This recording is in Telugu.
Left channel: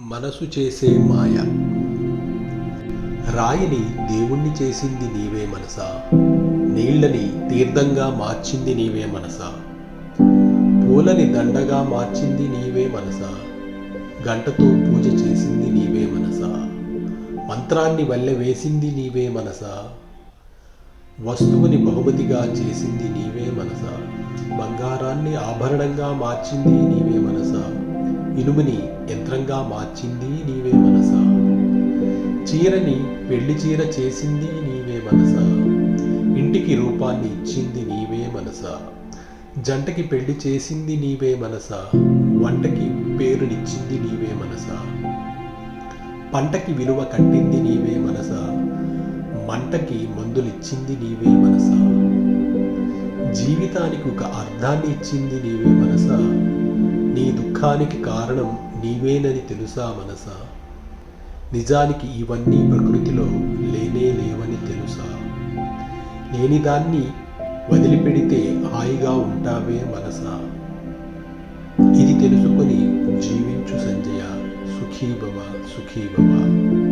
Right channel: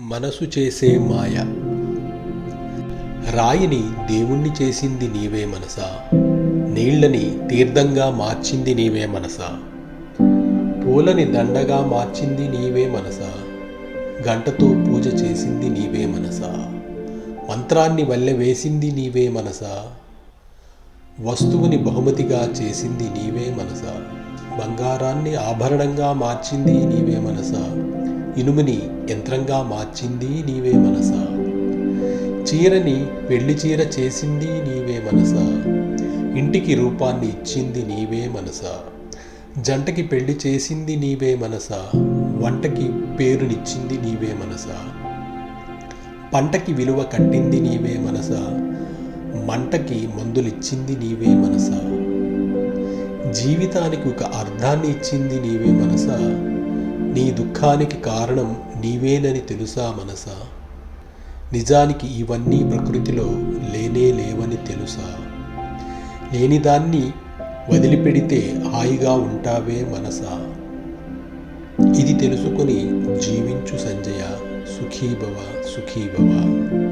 మనసు చేసే మాయ. రాయిని దేవుణ్ణి చేసింది నీవే మనసా. నీళ్ళని తీర్థంగా మార్చింది నీవే మనసా. పూలని దండగా మార్చింది నీవే మనసా. గంటతో పూజ చేసింది నీవే మనసా. మంత్రాన్ని వల్లె వేసింది నీవే మనసా. వస్తువుని బహుమతిగా చేసింది నీవే మనసా. బంగారాన్ని ఆభరణంగా మార్చింది నీవే మనసా. ఇనుముని యంత్రంగా మార్చింది నీవే మనసా. చీరని పెళ్ళి చీర చేసింది నీవే మనసా. ఇంటికి రూపాన్ని ఇచ్చింది నీవే మనసా. జంటకి పెళ్ళి చేసింది నీవే మనసా. వంటకి పేరునిచ్చింది నీవే మనసా. పంటకి విలువ కట్టింది నీవే మనసా. మంటకి మందులిచ్చింది నీవే మనసా. జీవితానికి ఒక అర్థాన్ని ఇచ్చింది నీవే మనసా. నీ దుఃఖానికి కారణం నీవేనని తెలుసా మనసా? నిజానికి ఇవన్నీ ప్రకృతిలో లేనే లేవని తెలుసా? లేనిదాన్ని వదిలిపెడితే హాయిగా ఉంటావే మనసా? ఇది తెలుసుకొని జీవించు సంజయ. సుఖీభవ సుఖీభవ.